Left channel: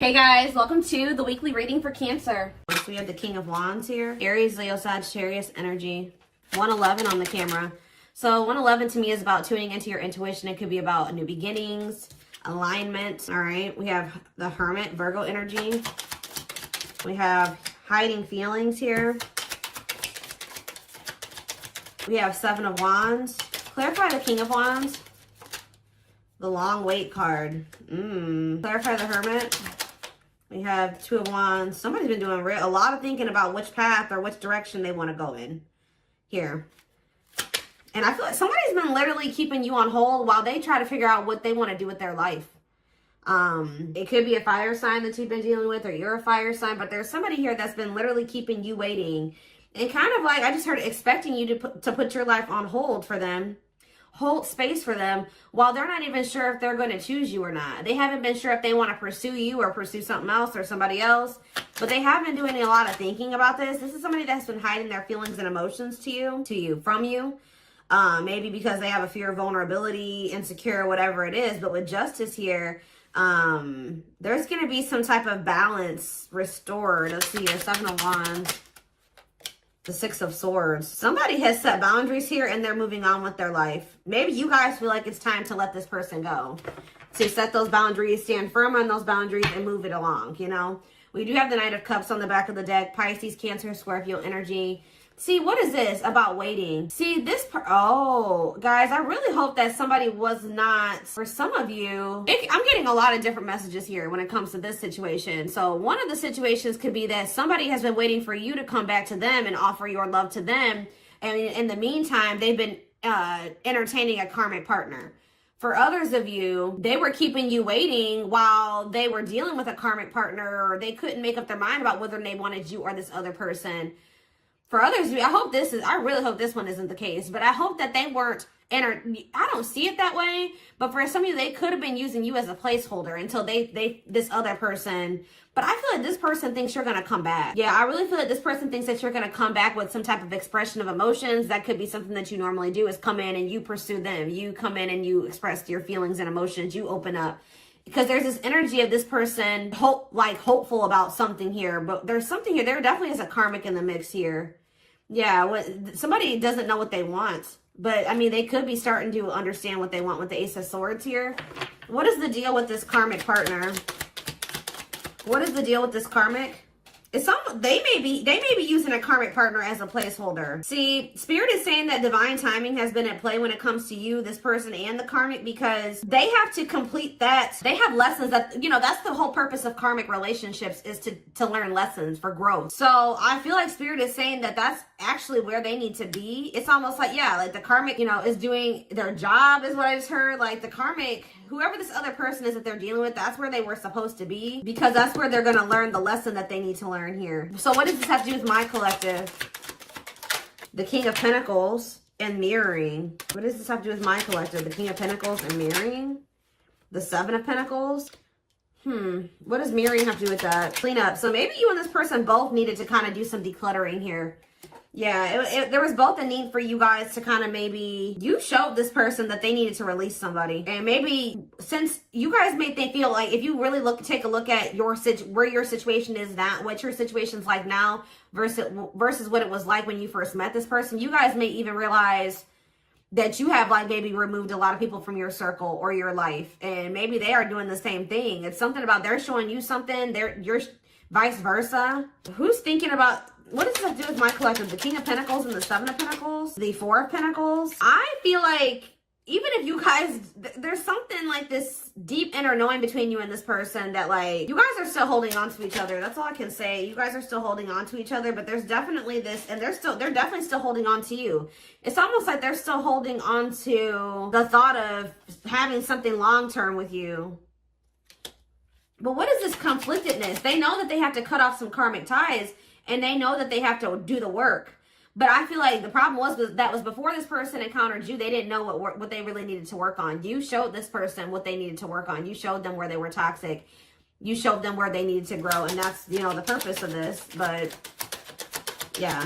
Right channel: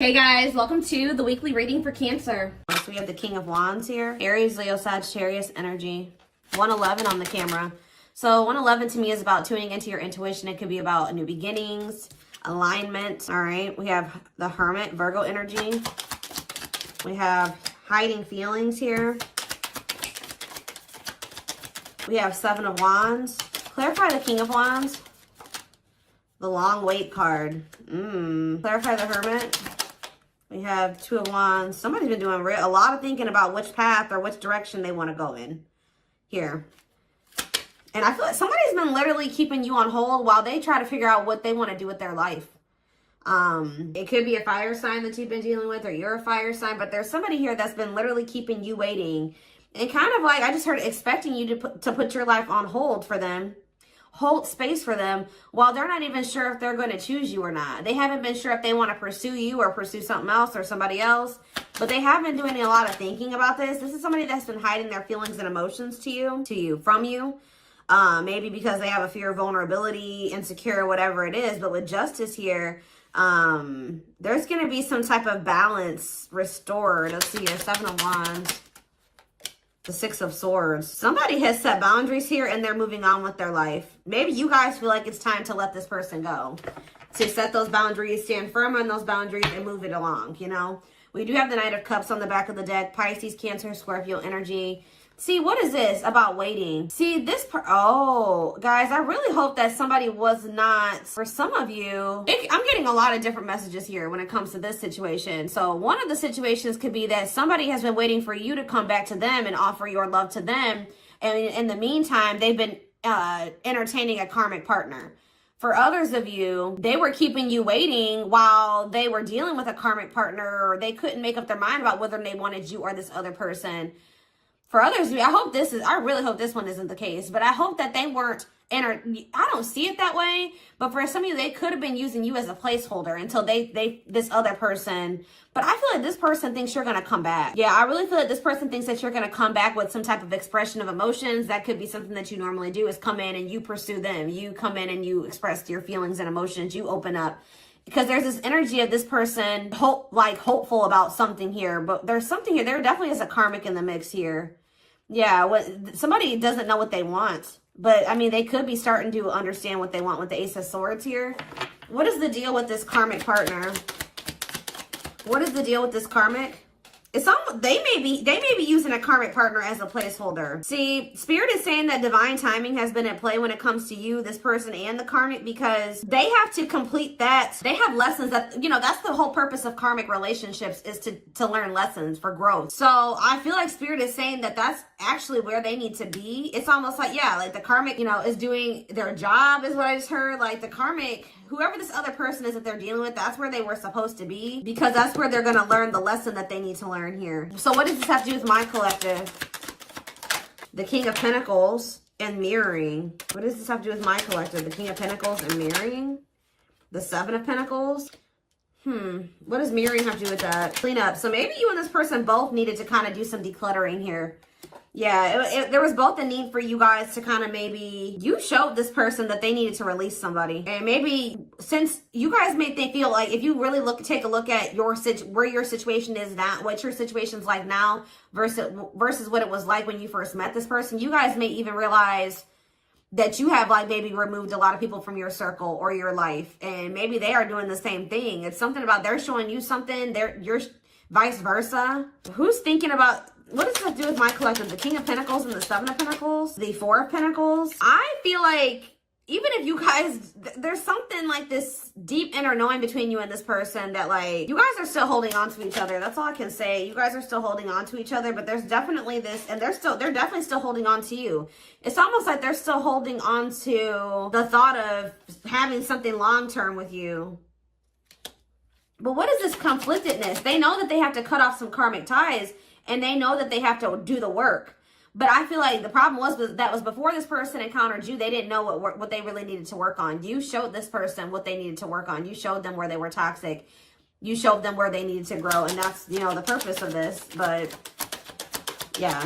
Hey guys, welcome to the weekly reading for Cancer. So we have the King of Wands here. Aries, Leo, Sagittarius energy. 111 on the camera. So 111 to me is about tuning into your intuition. It could be about new beginnings, alignment. All right. We have the Hermit, Virgo energy. We have hiding feelings here. We have Seven of Wands. Clarify the King of Wands. The long wait card. Clarify the Hermit. We have Two of Wands. Somebody's been doing a lot of thinking about which path or which direction they want to go in here. And I feel like somebody's been literally keeping you on hold while they try to figure out what they want to do with their life. It could be a fire sign that you've been dealing with, or you're a fire sign, but there's somebody here that's been literally keeping you waiting. And kind of like, I just heard expecting you to put your life on hold for them. Hold space for them while they're not even sure if they're going to choose you or not. They haven't been sure if they want to pursue you or pursue something else or somebody else, but they have been doing a lot of thinking about this. This is somebody that's been hiding their feelings and emotions from you. Maybe because they have a fear of vulnerability, insecure, whatever it is. But with Justice here, there's going to be some type of balance restored. Let's see, the Seven of Wands. The Six of Swords. Somebody has set boundaries here and they're moving on with their life. Maybe you guys feel like it's time to let this person go. To set those boundaries, stand firm on those boundaries and move it along, you know. We do have the Knight of Cups on the back of the deck. Pisces, Cancer, Scorpio energy. See, what is this about waiting? See, oh, guys, I really hope that somebody was not, for some of you, I'm getting a lot of different messages here when it comes to this situation. So one of the situations could be that somebody has been waiting for you to come back to them and offer your love to them. And in the meantime, they've been entertaining a karmic partner. For others of you, they were keeping you waiting while they were dealing with a karmic partner, or they couldn't make up their mind about whether they wanted you or this other person. For others of you, I really hope this one isn't the case, but I hope that they weren't I don't see it that way, but for some of you, they could have been using you as a placeholder until this other person, but I feel like this person thinks you're going to come back. Yeah, I really feel like this person thinks that you're going to come back with some type of expression of emotions. That could be something that you normally do, is come in and you pursue them. You come in and you express your feelings and emotions. You open up. Because there's this energy of this person hopeful about something here, but there's something here. There definitely is a karmic in the mix here. Yeah, somebody doesn't know what they want, but I mean, they could be starting to understand what they want with the Ace of Swords here. What is the deal with this karmic partner? What is the deal with this karmic? They may be using a karmic partner as a placeholder. See, Spirit is saying that divine timing has been at play when it comes to you, this person, and the karmic, because they have to complete that. They have lessons that, that's the whole purpose of karmic relationships, is to learn lessons for growth. So I feel like Spirit is saying that that's actually where they need to be. It's almost like, yeah, like the karmic, is doing their job, is what I just heard. Like the karmic, whoever this other person is that they're dealing with, that's where they were supposed to be, because that's where they're going to learn the lesson that they need to learn here. So what does this have to do with my collective? The King of Pentacles and mirroring. What does this have to do with my collective? The King of Pentacles and mirroring. The Seven of Pentacles. What does mirroring have to do with that? Clean up. So maybe you and this person both needed to kind of do some decluttering here. Yeah, there was both a need for you guys to kind of, maybe you showed this person that they needed to release somebody. And maybe since you guys made they feel like, if you really take a look at where your situation is now, what your situation's like now versus what it was like when you first met this person, you guys may even realize that you have maybe removed a lot of people from your circle or your life. And maybe they are doing the same thing. It's something about they're showing you something, you're vice versa. Who's thinking about... What does that do with my collective? The King of Pentacles and the Seven of Pentacles? The Four of Pentacles? I feel like even if you guys, there's something like this deep inner knowing between you and this person that you guys are still holding on to each other. That's all I can say. You guys are still holding on to each other, but there's definitely this, and they're definitely still holding on to you. It's almost like they're still holding on to the thought of having something long-term with you. But what is this conflictedness? They know that they have to cut off some karmic ties, and they know that they have to do the work. But I feel like the problem was before this person encountered you, they didn't know what they really needed to work on. You showed this person what they needed to work on. You showed them where they were toxic. You showed them where they needed to grow. And that's, the purpose of this. But yeah,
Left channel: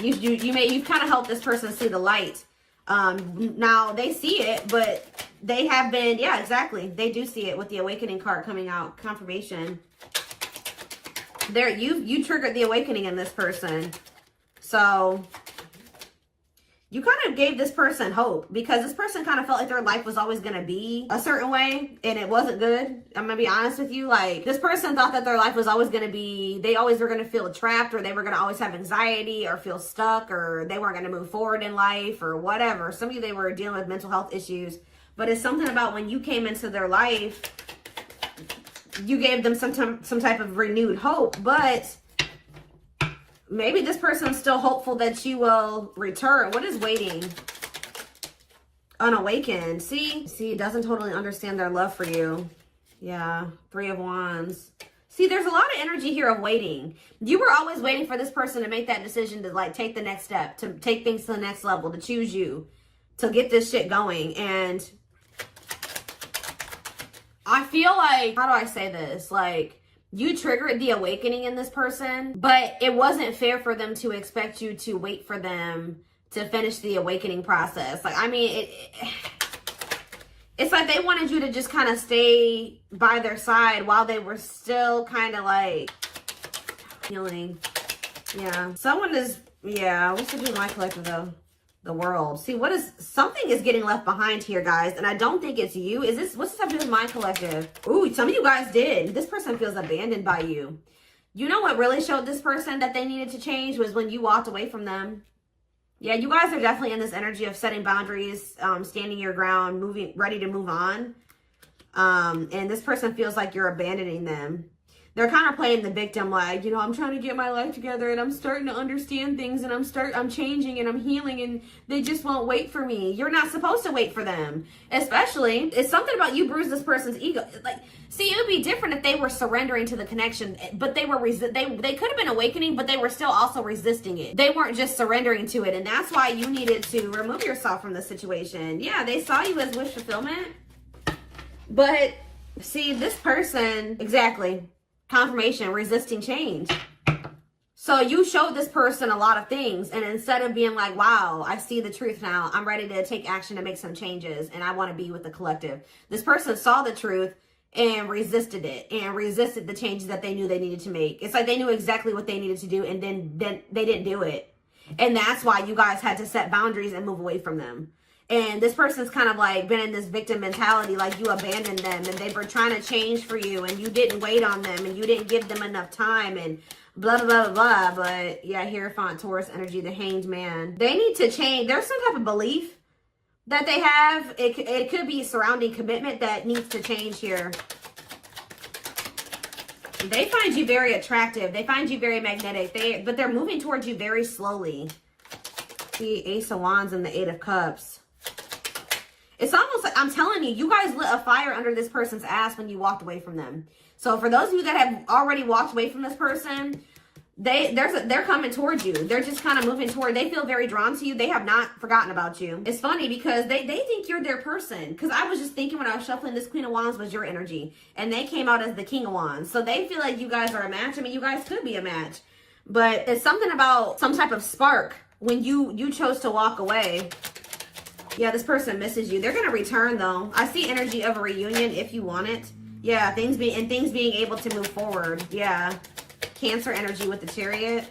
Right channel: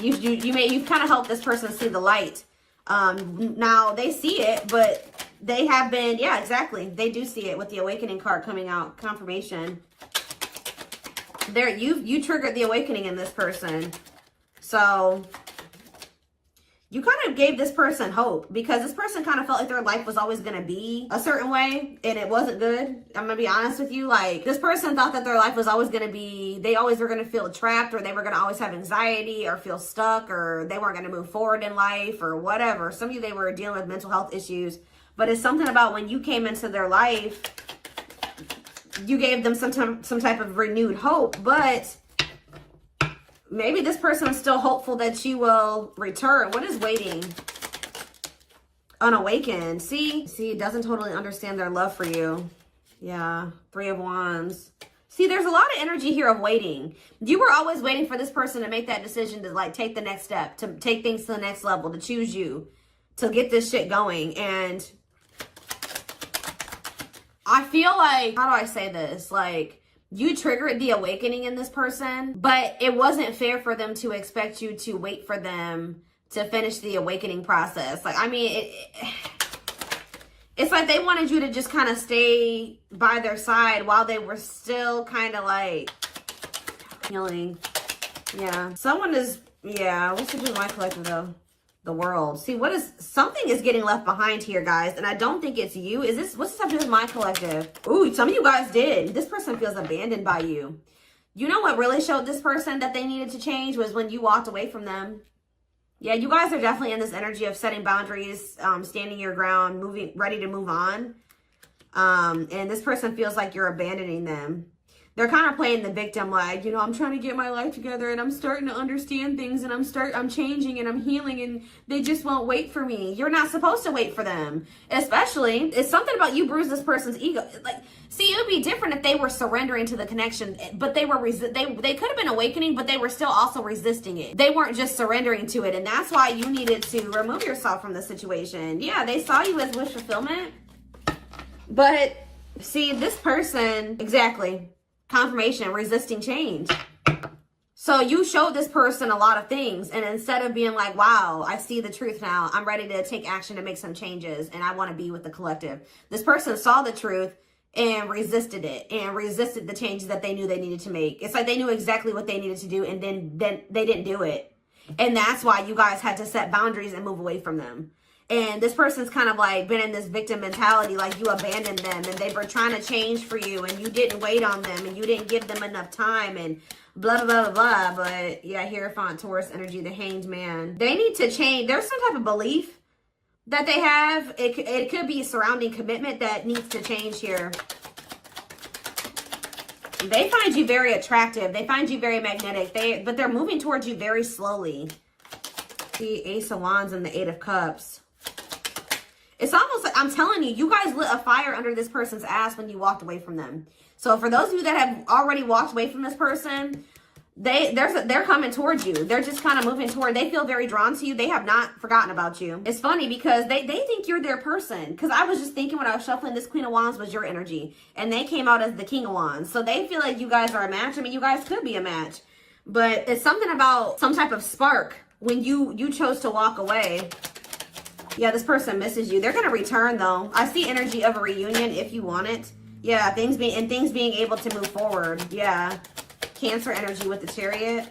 you kind of helped this person see the light. Now they see it, but They have been, yeah, exactly. They do see it with the awakening card coming out, confirmation. There, you triggered the awakening in this person. So you kind of gave this person hope, because this person kind of felt like their life was always going to be a certain way and it wasn't good. I'm going to be honest with you. Like, this person thought that their life was always going to be, they always were going to feel trapped, or they were going to always have anxiety or feel stuck, or they weren't going to move forward in life or whatever. Some of you, they were dealing with mental health issues, but it's something about when you came into their life, you gave them some type of renewed hope. But maybe this person is still hopeful that you will return. What is waiting? Unawakened. See, it doesn't totally understand their love for you. Yeah, 3 of Wands. See, there's a lot of energy here of waiting. You were always waiting for this person to make that decision to, like, take the next step, to take things to the next level, to choose you, to get this shit going. And I feel like, how do I say this? Like, you triggered the awakening in this person, but it wasn't fair for them to expect you to wait for them to finish the awakening process. Like, I mean, it's like they wanted you to just kind of stay by their side while they were still kind of like healing. Yeah. Someone is, yeah, what's the my collector though? The world. See, something is getting left behind here, guys, and I don't think it's you. What's this have to do with my collective? Ooh, some of you guys did. This person feels abandoned by you. You know what really showed this person that they needed to change was when you walked away from them. Yeah, you guys are definitely in this energy of setting boundaries, standing your ground, ready to move on. And this person feels like you're abandoning them. They're kind of playing the victim, like, you know, I'm trying to get my life together and I'm starting to understand things and I'm changing and I'm healing and they just won't wait for me. You're not supposed to wait for them. Especially, it's something about you bruised this person's ego. Like, see, it would be different if they were surrendering to the connection, but they could have been awakening, but they were still also resisting it. They weren't just surrendering to it, and that's why you needed to remove yourself from the situation. Yeah, they saw you as wish fulfillment, but see, this person, exactly. Confirmation, resisting change. So you showed this person a lot of things, and instead of being like, wow, I see the truth now, I'm ready to take action to make some changes, and I want to be with the collective. This person saw the truth and resisted it, and resisted the changes that they knew they needed to make. It's like they knew exactly what they needed to do, and then they didn't do it. And that's why you guys had to set boundaries and move away from them. And this person's kind of like been in this victim mentality, like you abandoned them and they were trying to change for you and you didn't wait on them and you didn't give them enough time and blah, blah, blah, blah, blah. But yeah, Hierophant, Taurus energy, the Hanged Man. They need to change. There's some type of belief that they have. It could be surrounding commitment that needs to change here. They find you very attractive. They find you very magnetic. But they're moving towards you very slowly. The Ace of Wands and the Eight of Cups. It's almost like, I'm telling you, you guys lit a fire under this person's ass when you walked away from them. So for those of you that have already walked away from this person, they're coming towards you. They're just kind of moving toward, they feel very drawn to you. They have not forgotten about you. It's funny because they think you're their person. Because I was just thinking when I was shuffling, this Queen of Wands was your energy. And they came out as the King of Wands. So they feel like you guys are a match. I mean, you guys could be a match. But it's something about some type of spark when you chose to walk away. Yeah, this person misses you. They're going to return, though. I see energy of a reunion if you want it. Yeah, things being able to move forward. Yeah. Cancer energy with the Chariot.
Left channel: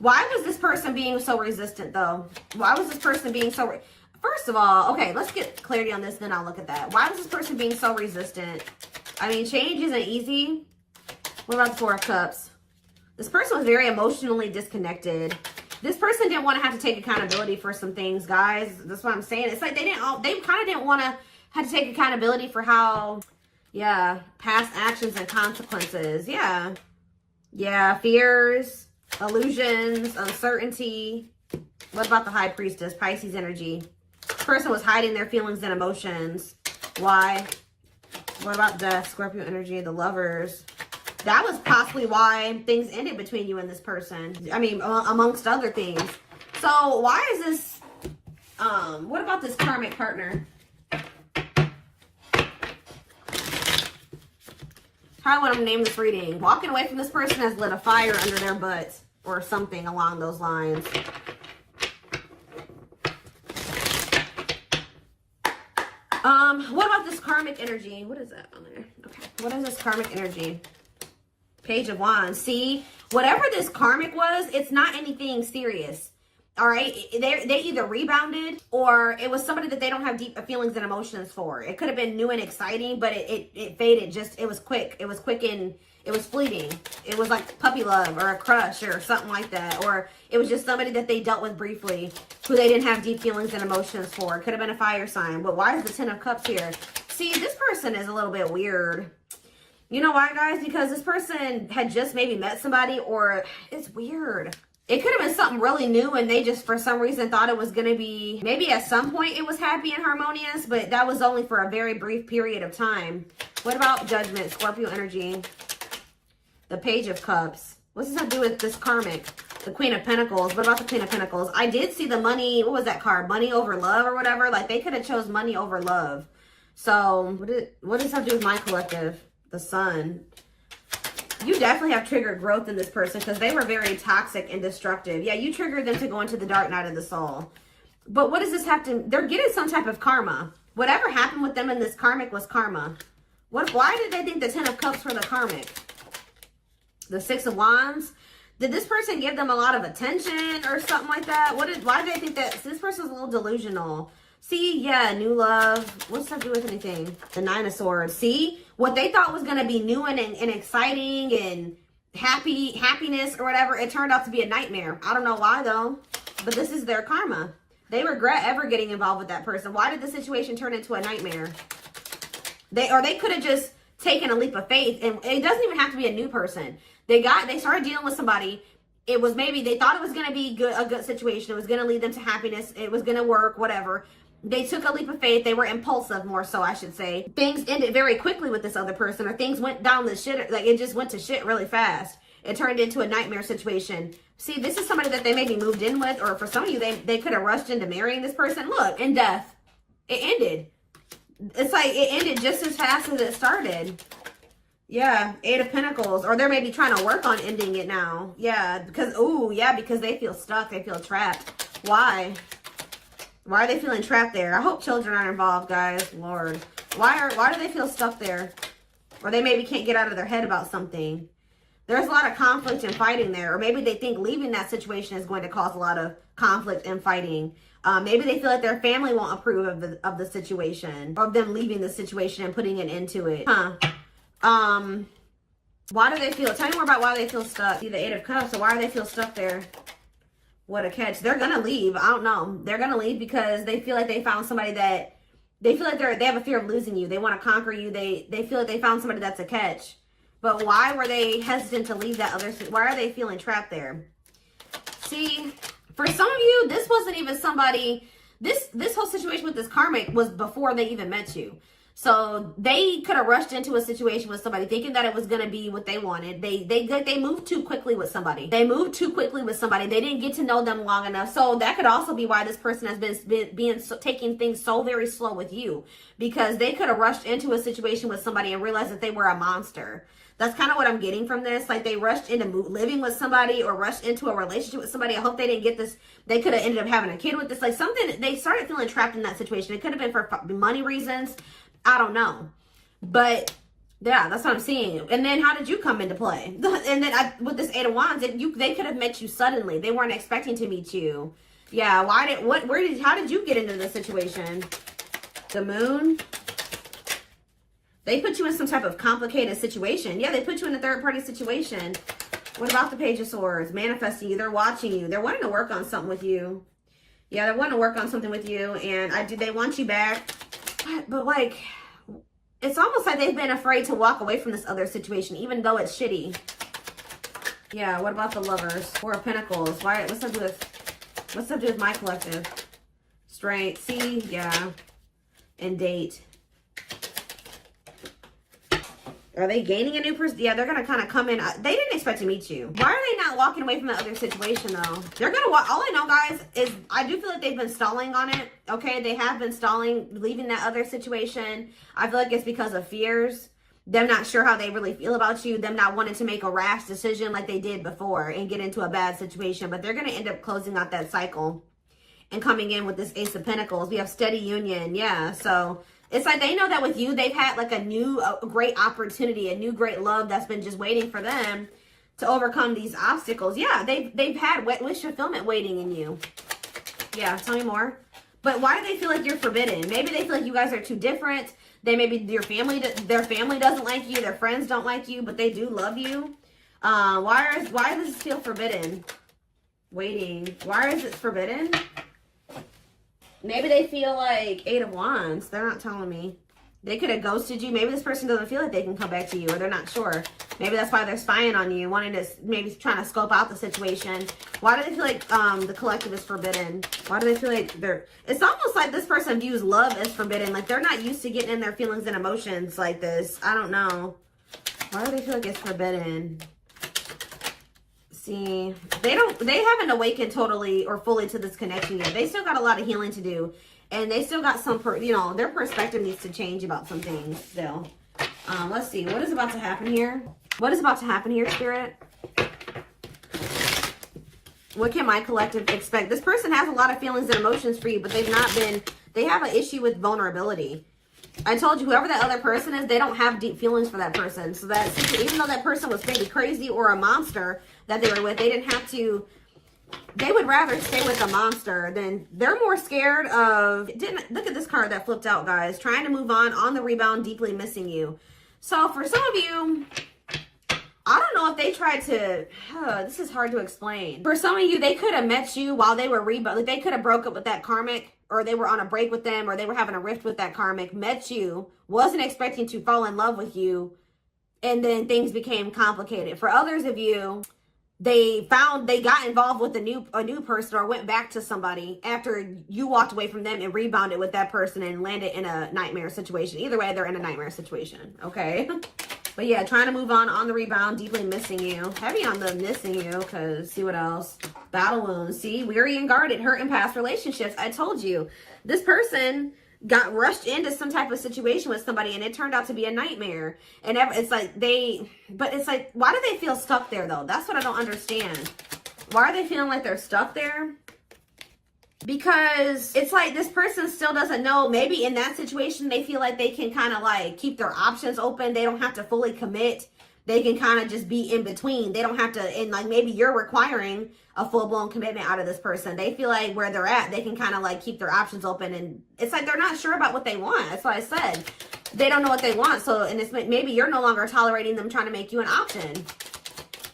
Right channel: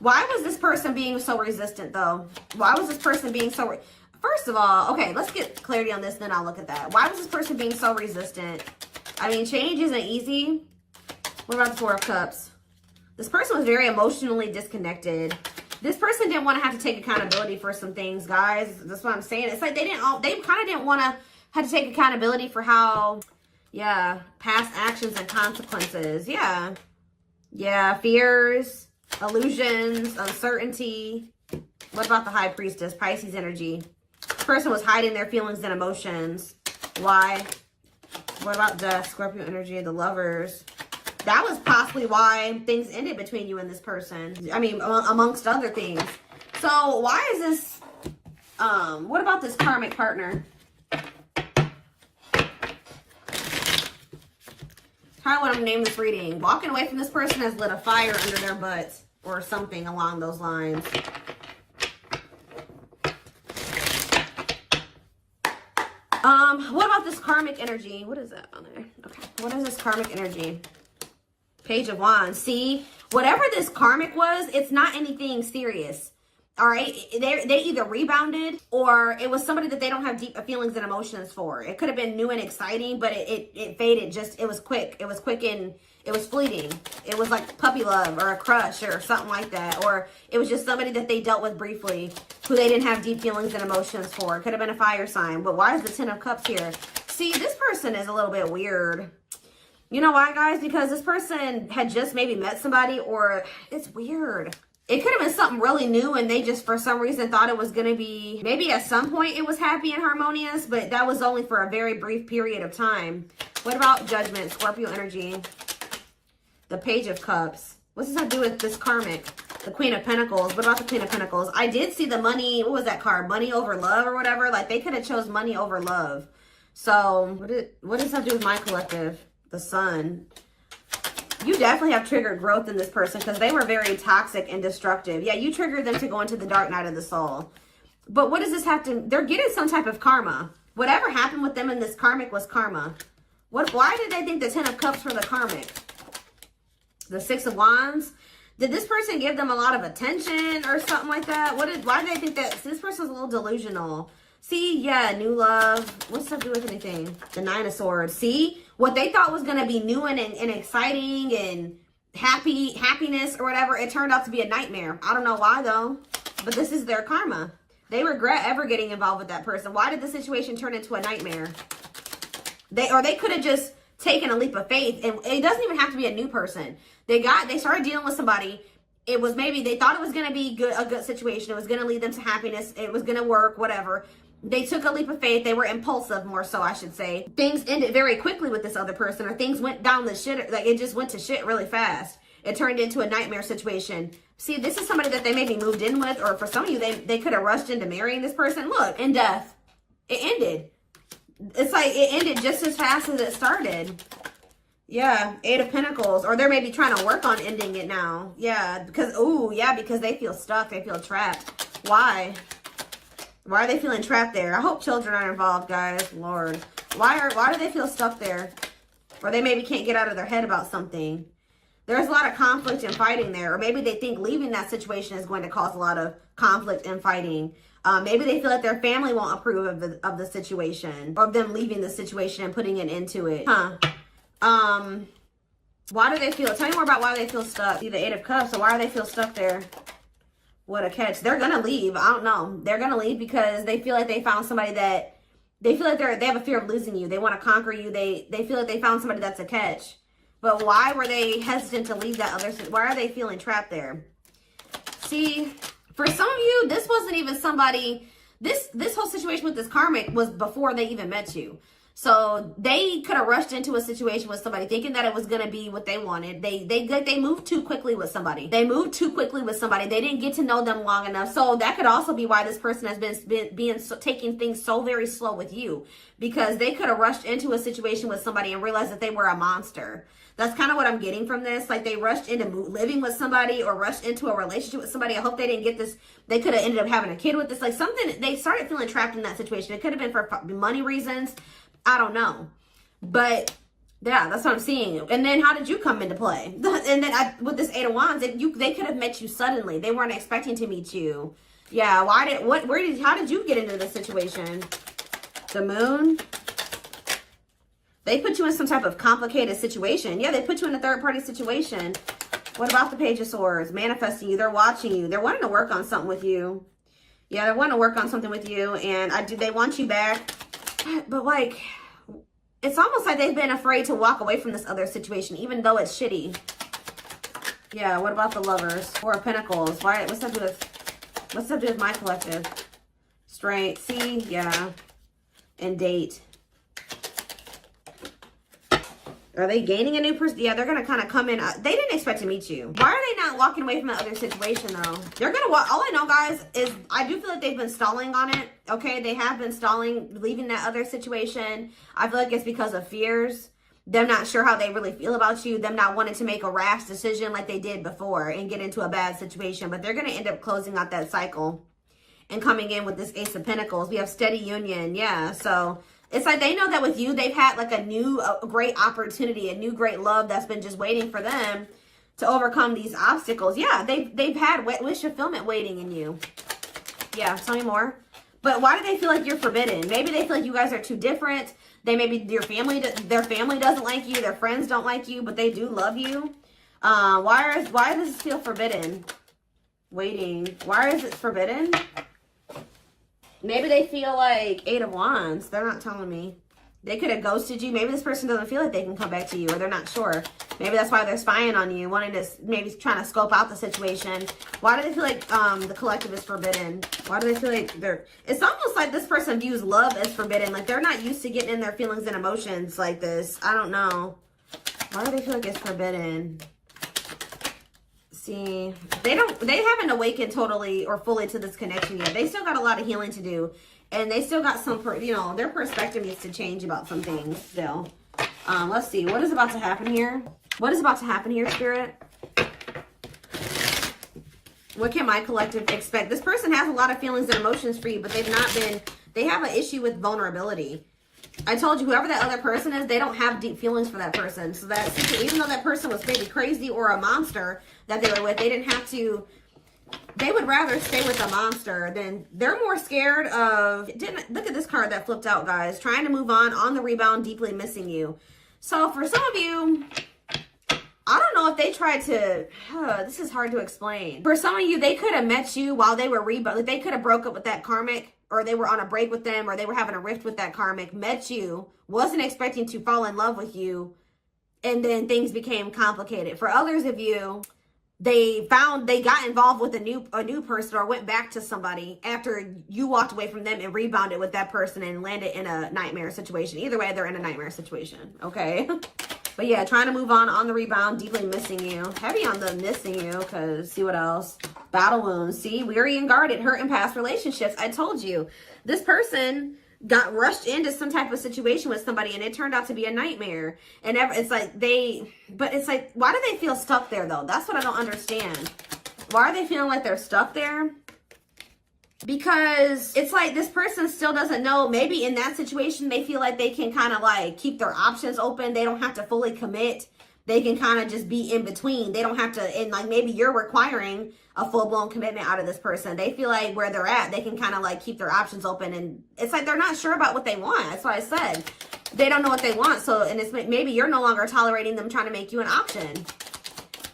Why was this person being so resistant, though? Why was this person being so... First of all, okay, let's get clarity on this, then I'll look at that. Why was this person being so resistant? I mean, change isn't easy. What about the Four of Cups? This person was very emotionally disconnected. This person didn't want to have to take accountability for some things, guys. That's what I'm saying. It's like they kind of didn't want to have to take accountability for how, yeah, past actions and consequences. Yeah. Yeah, fears, illusions, uncertainty. What about the High Priestess, Pisces energy? This person was hiding their feelings and emotions. Why? What about the Scorpio energy, the Lovers? That was possibly why things ended between you and this person. I mean, amongst other things. So why is this, what about this karmic partner? How would I name this reading? Walking away from this person has lit a fire under their butt or something along those lines. What about this karmic energy? What is that on there? Okay. What is this karmic energy? Page of Wands. See, whatever this karmic was, it's not anything serious. All right. They either rebounded or it was somebody that they don't have deep feelings and emotions for. It could have been new and exciting, but it faded. It was quick. It was quick and it was fleeting. It was like puppy love or a crush or something like that. Or it was just somebody that they dealt with briefly who they didn't have deep feelings and emotions for. It could have been a fire sign. But why is the Ten of Cups here? See, this person is a little bit weird. You know why, guys? Because this person had just maybe met somebody, or it's weird. It could have been something really new and they just for some reason thought it was going to be, maybe at some point it was happy and harmonious, but that was only for a very brief period of time. What about Judgment, Scorpio energy? The Page of Cups. What's this have to do with this karmic? The Queen of Pentacles. What about the Queen of Pentacles? I did see the money, what was that card? Money over love or whatever. Like they could have chose money over love. So what does that have to do with my collective? The Sun. You definitely have triggered growth in this person because they were very toxic and destructive. Yeah, you triggered them to go into the dark night of the soul. But what does this have to... They're getting some type of karma. Whatever happened with them in this karmic was karma. Why did they think the Ten of Cups were the karmic? The Six of Wands? Did this person give them a lot of attention or something like that? Why do they think that? This person's a little delusional. See, yeah, new love. What's that do with anything? The Nine of Swords. See? What they thought was going to be new and exciting and happiness or whatever, it turned out to be a nightmare. I don't know why, though. But this is their karma. They regret ever getting involved with that person. Why did the situation turn into a nightmare? They could have just taken a leap of faith. And it doesn't even have to be a new person. They started dealing with somebody. It was maybe they thought it was going to be a good situation. It was going to lead them to happiness. It was going to work, whatever. They took a leap of faith. They were impulsive, more so, I should say. Things ended very quickly with this other person, or things went down the shit. Like, it just went to shit really fast. It turned into a nightmare situation. See, this is somebody that they maybe moved in with, or for some of you, they could have rushed into marrying this person. Look, in death. It ended. It's like it ended just as fast as it started. Yeah, Eight of Pentacles. Or they're maybe trying to work on ending it now. Yeah, because they feel stuck. They feel trapped. Why? Why are they feeling trapped there? I hope children aren't involved, guys. Lord. Why do they feel stuck there? Or they maybe can't get out of their head about something. There's a lot of conflict and fighting there. Or maybe they think leaving that situation is going to cause a lot of conflict and fighting. Maybe they feel like their family won't approve of the situation. Or them leaving the situation and putting an end to it. Why do they feel... Tell me more about why they feel stuck. See the Eight of Cups. So why do they feel stuck there? What a catch. They're going to leave. I don't know. They're going to leave because they feel like they found somebody that... They feel like they have a fear of losing you. They want to conquer you. They feel like they found somebody that's a catch. But why were they hesitant to leave that other... Why are they feeling trapped there? See, for some of you, this wasn't even somebody... This whole situation with this karmic was before they even met you. So they could have rushed into a situation with somebody thinking that it was going to be what they wanted. They moved too quickly with somebody. They moved too quickly with somebody. They didn't get to know them long enough. So that could also be why this person has been taking things so very slow with you, because they could have rushed into a situation with somebody and realized that they were a monster. That's kind of what I'm getting from this. Like they rushed into living with somebody or rushed into a relationship with somebody. I hope they didn't get this. They could have ended up having a kid with this. Like something, they started feeling trapped in that situation. It could have been for money reasons. I don't know. But yeah, that's what I'm seeing. And then how did you come into play? And then with this Eight of Wands, they could have met you suddenly. They weren't expecting to meet you. Yeah, how did you get into this situation? The Moon? They put you in some type of complicated situation. Yeah, they put you in a third-party situation. What about the Page of Swords? Manifesting you. They're watching you. They're wanting to work on something with you. Yeah, they're wanting to work on something with you. And they want you back. But like, it's almost like they've been afraid to walk away from this other situation, even though it's shitty. Yeah, what about the Lovers? Four of Pentacles. What's that do with my collective? Straight. See? Yeah. And Date. Are they gaining a new person? Yeah, they're going to kind of come in. They didn't expect to meet you. Why are they not walking away from the other situation, though? They're going to walk. All I know, guys, is I do feel like they've been stalling on it. Okay, they have been stalling, leaving that other situation. I feel like it's because of fears. Them not sure how they really feel about you. Them not wanting to make a rash decision like they did before and get into a bad situation. But they're going to end up closing out that cycle and coming in with this Ace of Pentacles. We have steady union. Yeah, so It's like they know that with you, they've had like a great opportunity, a new great love that's been just waiting for them to overcome these obstacles. Yeah, they've had wish fulfillment waiting in you. Yeah, tell me more. But why do they feel like you're forbidden? Maybe they feel like you guys are too different. Maybe their family doesn't like you, their friends don't like you, but they do love you. Why does this feel forbidden? Waiting. Why is it forbidden? Maybe they feel like 8 of Wands. They're not telling me. They could have ghosted you. Maybe this person doesn't feel like they can come back to you, or they're not sure. Maybe that's why they're spying on you, wanting to, maybe trying to scope out the situation. Why do they feel like the collective is forbidden? Why do they feel like it's almost like this person views love as forbidden. Like they're not used to getting in their feelings and emotions like this. I don't know. Why do they feel like it's forbidden? See, they haven't awakened totally or fully to this connection yet. They still got a lot of healing to do, and they still got some, their perspective needs to change about some things still. Let's see, what is about to happen here? What is about to happen here, Spirit? What can my collective expect? This person has a lot of feelings and emotions for you, but they have an issue with vulnerability. I told you, whoever that other person is, they don't have deep feelings for that person. So that, even though that person was maybe crazy or a monster that they were with, they didn't have to, they would rather stay with a monster than, they're more scared of, look at this card that flipped out, guys. Trying to move on the rebound, deeply missing you. So for some of you, I don't know if they tried to, this is hard to explain. For some of you, they could have met you while they were rebound. Like they could have broke up with that karmic, or they were on a break with them, or they were having a rift with that karmic, met you, wasn't expecting to fall in love with you, and then things became complicated. For others of you, they got involved with a new person, or went back to somebody after you walked away from them and rebounded with that person and landed in a nightmare situation. Either way, they're in a nightmare situation, okay? But yeah, trying to move on the rebound, deeply missing you. Heavy on the missing you, because see what else? Battle wounds. See, weary and guarded, hurt in past relationships. I told you, this person got rushed into some type of situation with somebody, and it turned out to be a nightmare. And it's like but it's like, why do they feel stuck there though? That's what I don't understand. Why are they feeling like they're stuck there? Because it's like this person still doesn't know. Maybe in that situation, they feel like they can kind of like keep their options open. They don't have to fully commit. They can kind of just be in between. They don't have to, and like maybe you're requiring a full-blown commitment out of this person. They feel like where they're at, they can kind of like keep their options open. And it's like they're not sure about what they want. That's why I said they don't know what they want. So, and it's maybe you're no longer tolerating them trying to make you an option.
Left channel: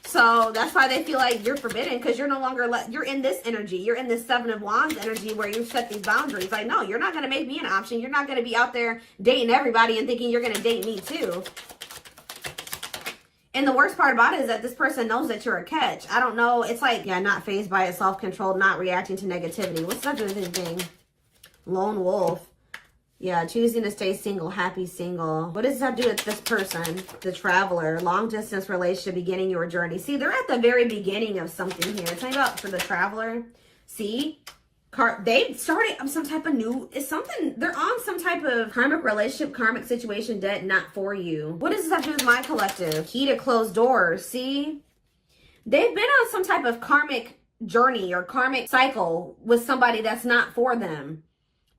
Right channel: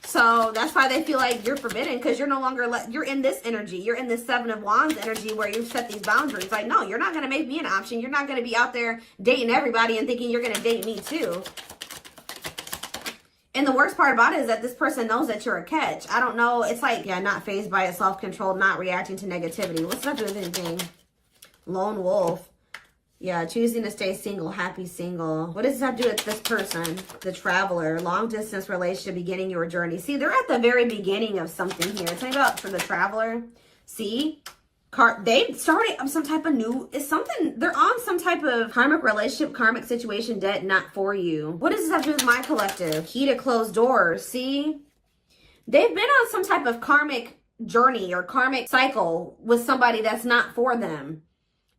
So that's why they feel like you're forbidden, because you're no longer, you're in this energy. You're in this 7 of Wands energy where you set these boundaries. Like, no, you're not going to make me an option. You're not going to be out there dating everybody and thinking you're going to date me too. And the worst part about it is that this person knows that you're a catch. I don't know. It's like, yeah, not fazed by it, self-controlled, not reacting to negativity. What's that with anything? Lone wolf. Yeah, choosing to stay single, happy single. What does this have to do with this person? The traveler, long distance relationship, beginning your journey. See, they're at the very beginning of something here. It's like about for the traveler. See, they started some type of they're on some type of karmic relationship, karmic situation, dead, not for you. What does this have to do with my collective? Key to closed doors. See, they've been on some type of karmic journey or karmic cycle with somebody that's not for them.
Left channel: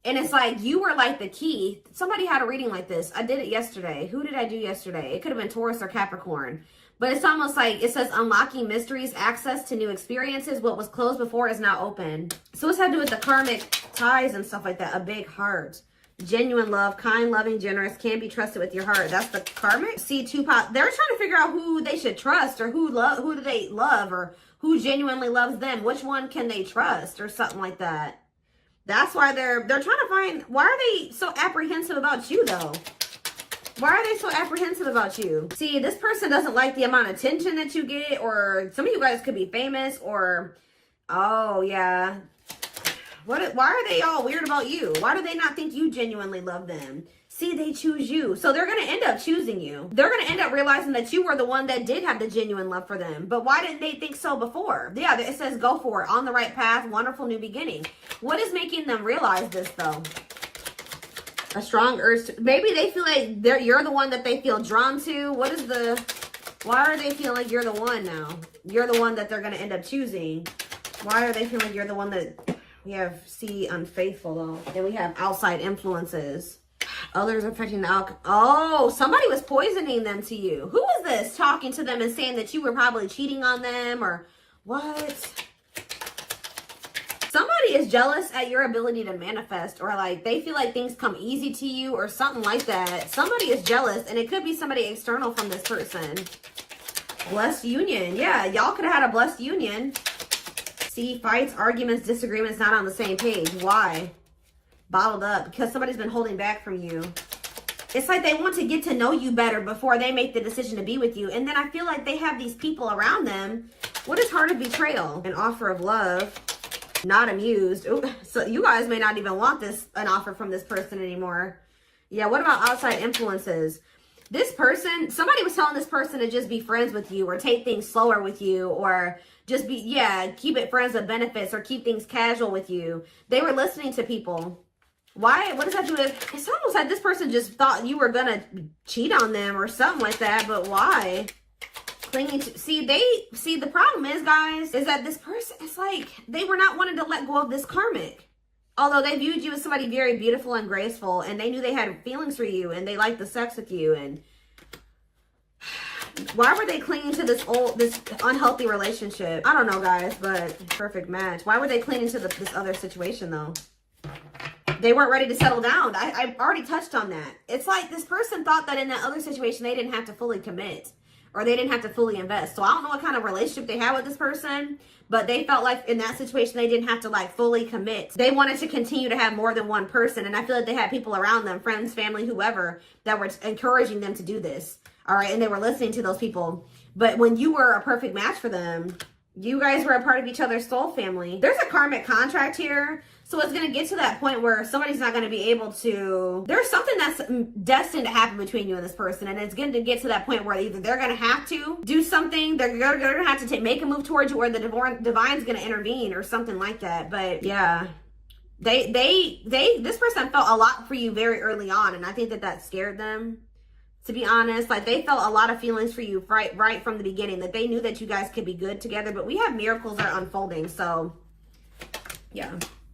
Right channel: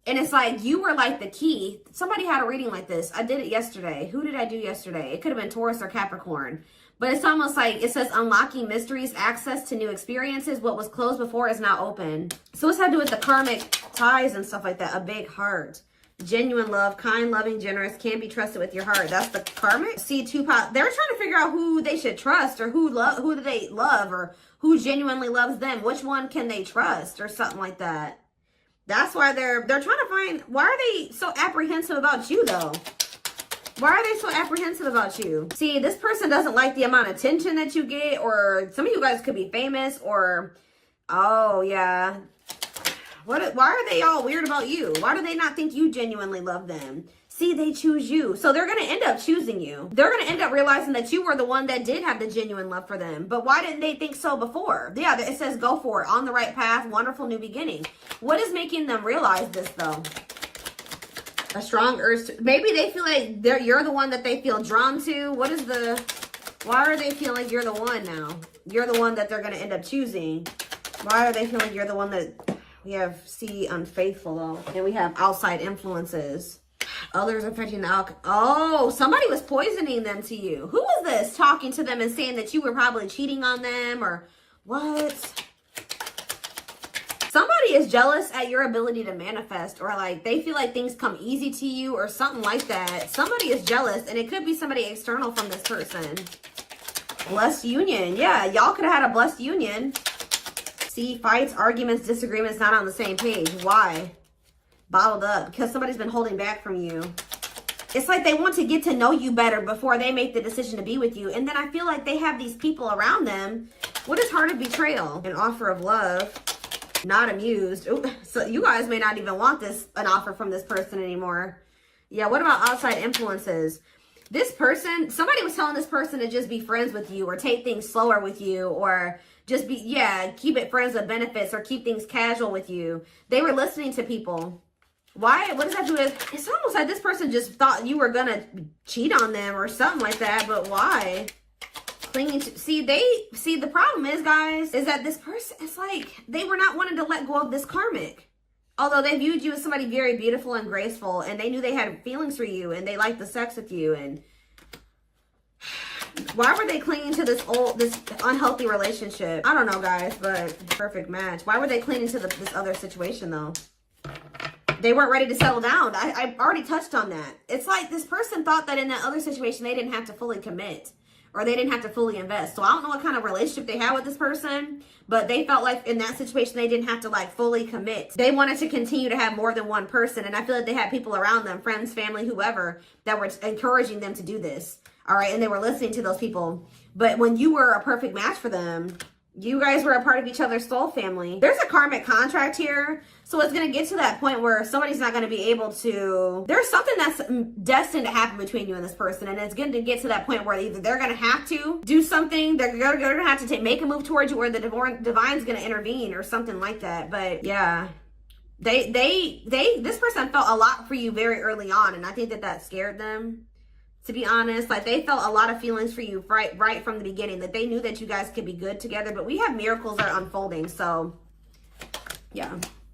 And it's like, you were like the key. Somebody had a reading like this. I did it yesterday. Who did I do yesterday? It could have been Taurus or Capricorn. But it's almost like, it says unlocking mysteries, access to new experiences. What was closed before is now open. So it's had to do with the karmic ties and stuff like that. A big heart. Genuine love, kind, loving, generous, can't be trusted with your heart. That's the karmic. See, they're trying to figure out who they should trust, or who do they love, or who genuinely loves them. Which one can they trust, or something like that. That's why they're trying to find, why are they so apprehensive about you though? Why are they so apprehensive about you? See, this person doesn't like the amount of attention that you get, or some of you guys could be famous, or, oh yeah. Why are they all weird about you? Why do they not think you genuinely love them? See, they choose you. So they're going to end up choosing you. They're going to end up realizing that you were the one that did have the genuine love for them. But why didn't they think so before? Yeah, it says go for it. On the right path. Wonderful new beginning. What is making them realize this though? A strong urge to, maybe they feel like you're the one that they feel drawn to. Why are they feeling like you're the one now? You're the one that they're going to end up choosing. Why are they feeling you're the one that, we have, see, unfaithful though. Then we have outside influences. Others affecting the outcome. Oh, somebody was poisoning them to you. Who was this talking to them and saying that you were probably cheating on them or what? Somebody is jealous at your ability to manifest, or like they feel like things come easy to you or something like that. Somebody is jealous, and it could be somebody external from this person. Blessed union. Yeah, y'all could have had a blessed union. See, fights, arguments, disagreements, not on the same page. Why? Bottled up because somebody's been holding back from you. It's like they want to get to know you better before they make the decision to be with you. And then I feel like they have these people around them. What is heart of betrayal? An offer of love. Not amused. Ooh, so you guys may not even want an offer from this person anymore. Yeah, what about outside influences? This person, somebody was telling this person to just be friends with you or take things slower with you or just be, yeah, keep it friends with benefits or keep things casual with you. They were listening to people. Why? What does that do with? It's almost like this person just thought you were going to cheat on them or something like that, but why? Clinging to, see, the problem is, guys, is that this person, it's like they were not wanting to let go of this karmic. Although they viewed you as somebody very beautiful and graceful, and they knew they had feelings for you, and they liked the sex with you, and why were they clinging to this unhealthy relationship? I don't know, guys, but perfect match. Why were they clinging to this other situation, though? They weren't ready to settle down. I already touched on that. It's like this person thought that in that other situation, they didn't have to fully commit. Or they didn't have to fully invest. So I don't know what kind of relationship they had with this person, but they felt like in that situation, they didn't have to like fully commit. They wanted to continue to have more than one person. And I feel like they had people around them, friends, family, whoever, that were encouraging them to do this. All right. And they were listening to those people. But when you were a perfect match for them, you guys were a part of each other's soul family. There's a karmic contract here. So it's going to get to that point where somebody's not going to be able to, there's something that's destined to happen between you and this person. And it's going to get to that point where either they're going to have to do something, they're going to have to make a move towards you, or the divine's going to intervene or something like that. But yeah, this person felt a lot for you very early on. And I think that scared them. To be honest, like they felt a lot of feelings for you right from the beginning, that they knew that you guys could be good together, but we have miracles that are unfolding. So yeah,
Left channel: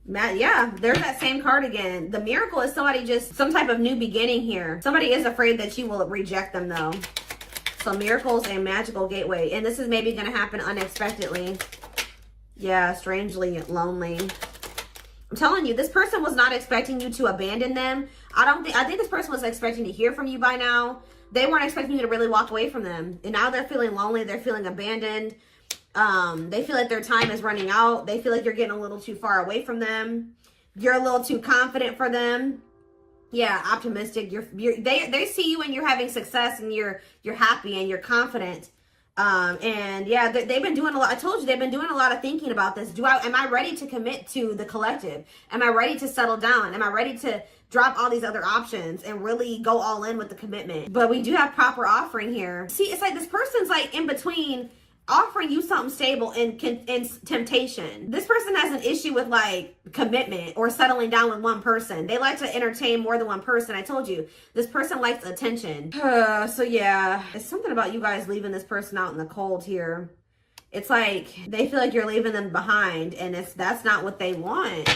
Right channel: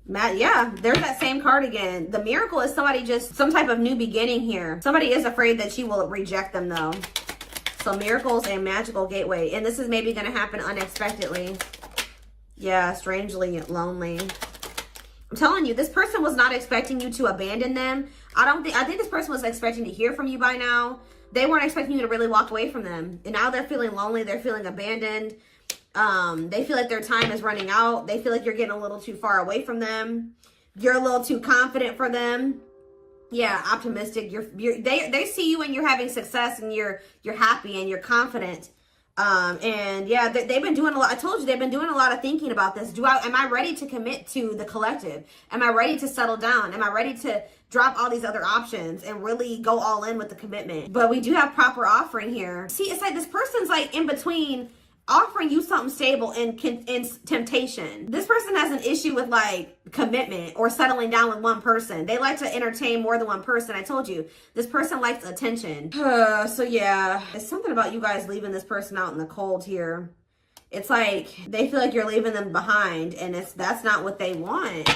yeah, there's that same card again. The miracle is somebody just some type of new beginning here. Somebody is afraid that you will reject them though. So miracles, a magical gateway. And this is maybe going to happen unexpectedly. Yeah, strangely lonely. I'm telling you, this person was not expecting you to abandon them. I think this person was expecting to hear from you by now. They weren't expecting you to really walk away from them. And now they're feeling lonely. They're feeling abandoned. They feel like their time is running out. They feel like you're getting a little too far away from them. You're a little too confident for them. Yeah, optimistic. They see you when you're having success and you're happy and you're confident. And yeah, they've been doing a lot. I told you they've been doing a lot of thinking about this. Am I ready to commit to the collective? Am I ready to settle down? Am I ready to drop all these other options and really go all in with the commitment? But we do have proper offering here. See, it's like this person's like in between offering you something stable and it's temptation. This person has an issue with like commitment or settling down with one person. They like to entertain more than one person. I told you, this person likes attention. So yeah, it's something about you guys leaving this person out in the cold here. It's like they feel like you're leaving them behind, and that's not what they want.